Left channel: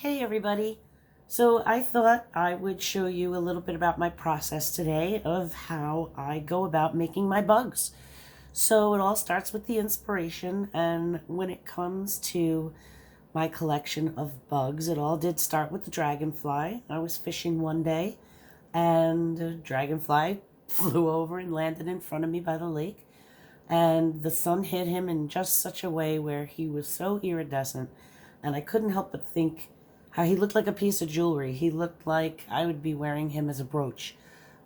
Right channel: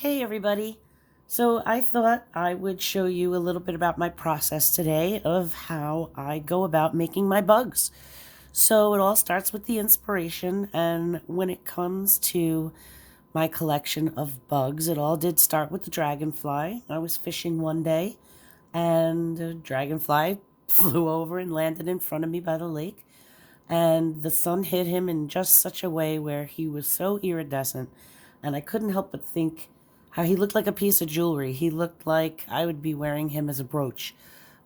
Hey everybody. So I thought I would show you a little bit about my process today of how I go about making my bugs. So it all starts with the inspiration, and when it comes to my collection of bugs, it all did start with the dragonfly. I was fishing one day and a dragonfly flew over and landed in front of me by the lake, and the sun hit him in just such a way where he was so iridescent, and I couldn't help but think how he looked like a piece of jewelry. He looked like I would be wearing him as a brooch,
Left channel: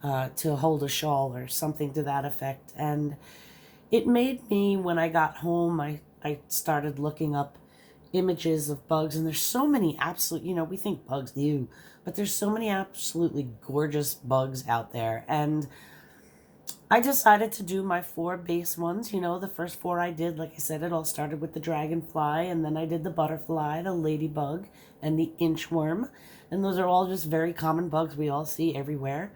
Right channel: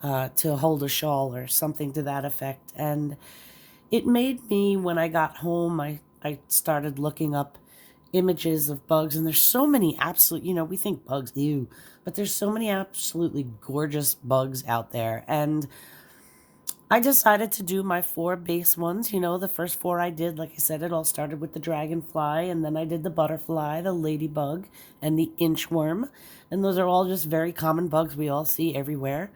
to hold a shawl or something to that effect. And it made me, when I got home, I started looking up images of bugs, and there's so many absolute, we think bugs, ew, but there's so many absolutely gorgeous bugs out there. And I decided to do my four base ones. The first four I did, like I said, it all started with the dragonfly, and then I did the butterfly, the ladybug, and the inchworm. And those are all just very common bugs we all see everywhere.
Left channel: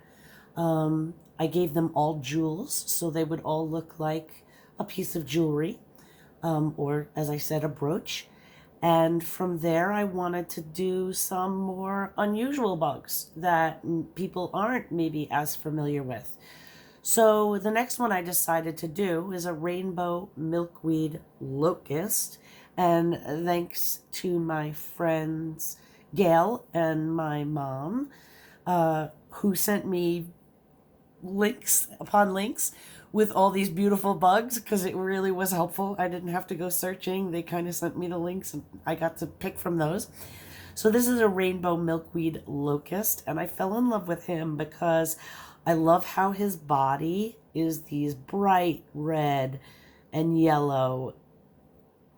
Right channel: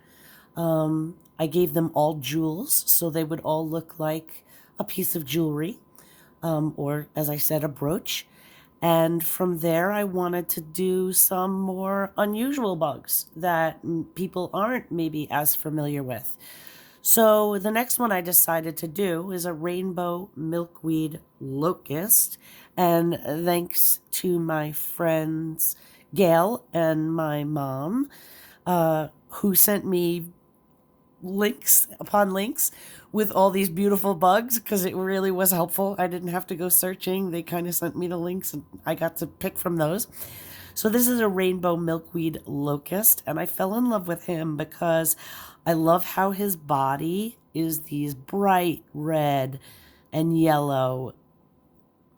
I gave them all jewels, so they would all look like a piece of jewelry, or, as I said, a brooch. And from there, I wanted to do some more unusual bugs that people aren't maybe as familiar with. So the next one I decided to do is a rainbow milkweed locust. And thanks to my friends Gail and my mom, who sent me links upon links with all these beautiful bugs, because it really was helpful. I didn't have to go searching. They kind of sent me the links and I got to pick from those. So this is a rainbow milkweed locust, and I fell in love with him because I love how his body is these bright red and yellow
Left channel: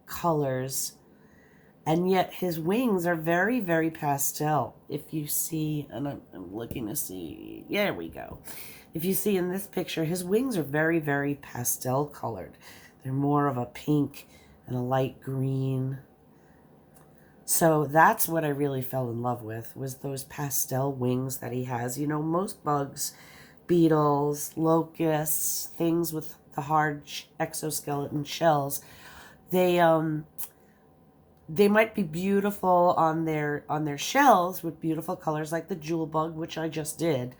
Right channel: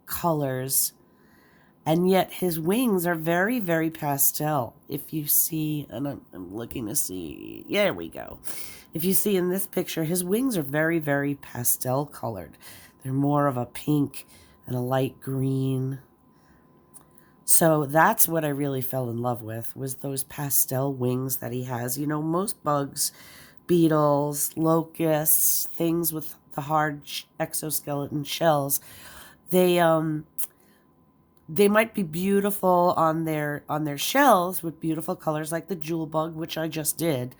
colors, and yet his wings are very, very pastel. If you see, and I'm looking to see, yeah, there we go. If you see in this picture, his wings are very, very pastel colored. They're more of a pink and a light green. So that's what I really fell in love with, was those pastel wings that he has. Most bugs, beetles, locusts, things with the hard exoskeleton shells, they might be beautiful on their shells with beautiful colors like the jewel bug, which I just did.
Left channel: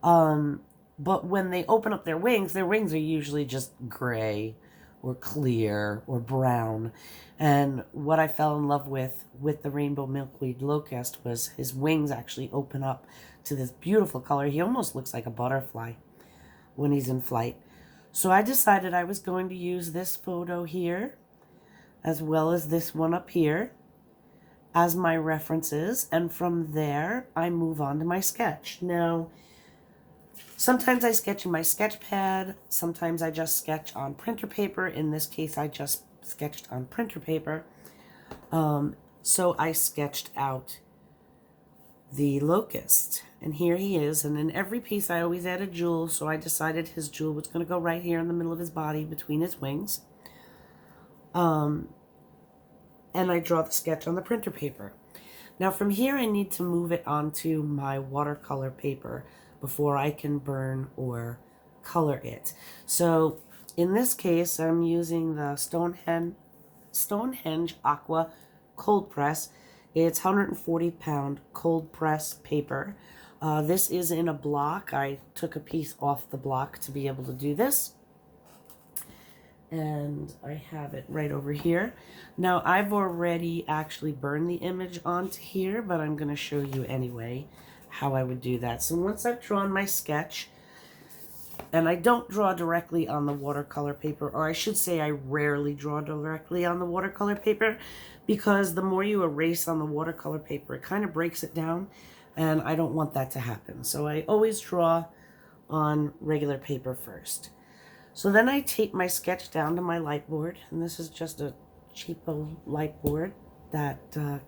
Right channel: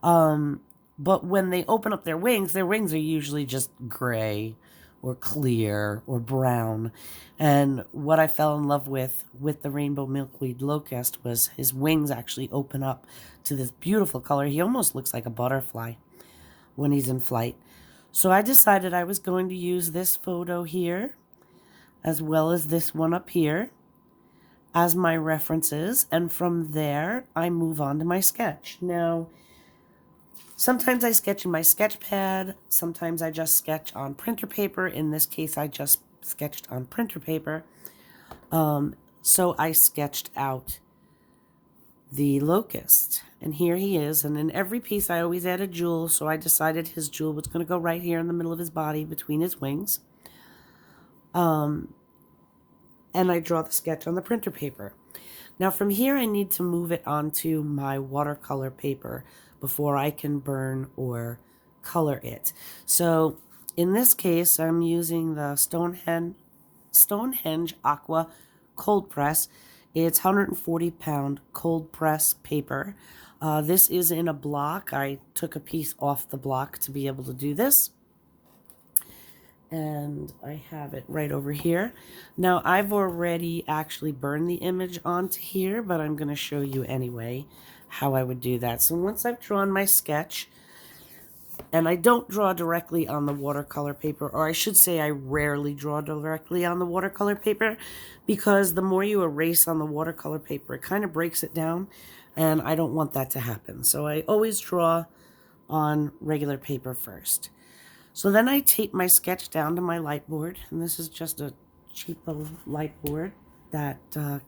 But when they open up their wings are usually just gray or clear or brown. And what I fell in love with the rainbow milkweed locust was his wings actually open up to this beautiful color. He almost looks like a butterfly when he's in flight. So I decided I was going to use this photo here, as well as this one up here, as my references. And from there, I move on to my sketch. Now, sometimes I sketch in my sketch pad. Sometimes I just sketch on printer paper. In this case, I just sketched on printer paper. So I sketched out the locust. And here he is. And in every piece, I always add a jewel. So I decided his jewel was going to go right here in the middle of his body, between his wings. And I draw the sketch on the printer paper. Now from here, I need to move it onto my watercolor paper before I can burn or color it. So in this case, I'm using the Stonehenge Aqua cold press. It's 140-pound cold press paper. This is in a block. I took a piece off the block to be able to do this. And I have it right over here. Now I've already actually burned the image onto here, but I'm going to show you anyway how I would do that. So once I've drawn my sketch, and I don't draw directly on the watercolor paper, or I should say I rarely draw directly on the watercolor paper, because the more you erase on the watercolor paper, it kind of breaks it down, and I don't want that to happen. So I always draw on regular paper first. So then I tape my sketch down to my light board, and this is just a cheapo light board that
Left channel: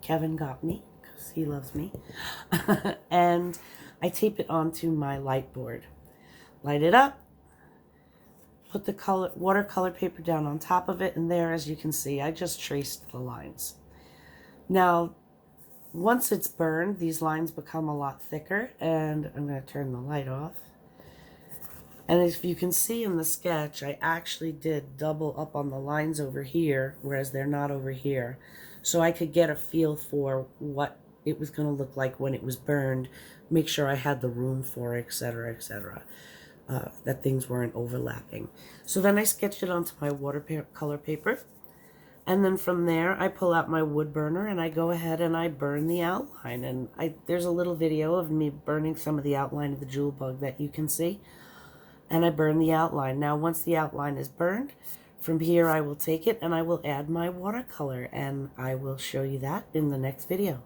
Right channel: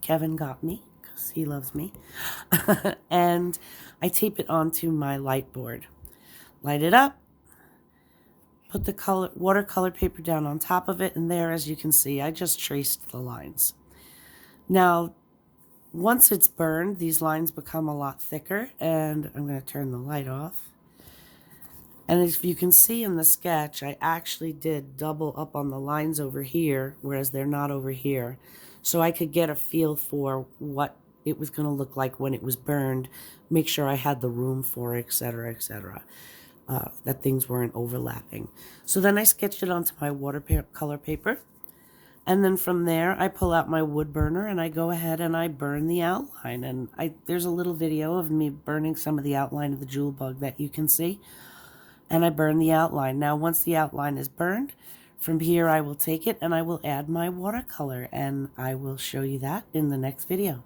Kevin got me because he loves me. And I tape it onto my light board. Light it up, put the watercolor paper down on top of it, and there, as you can see, I just traced the lines. Now, once it's burned, these lines become a lot thicker, and I'm going to turn the light off. And if you can see in the sketch, I actually did double up on the lines over here, whereas they're not over here. So I could get a feel for what it was going to look like when it was burned, make sure I had the room for it, etc., etc., that things weren't overlapping. So then I sketched it onto my watercolor paper. And then from there, I pull out my wood burner and I go ahead and I burn the outline. And there's a little video of me burning some of the outline of the jewel bug that you can see. And I burn the outline. Now, once the outline is burned, from here I will take it and I will add my watercolor. And I will show you that in the next video.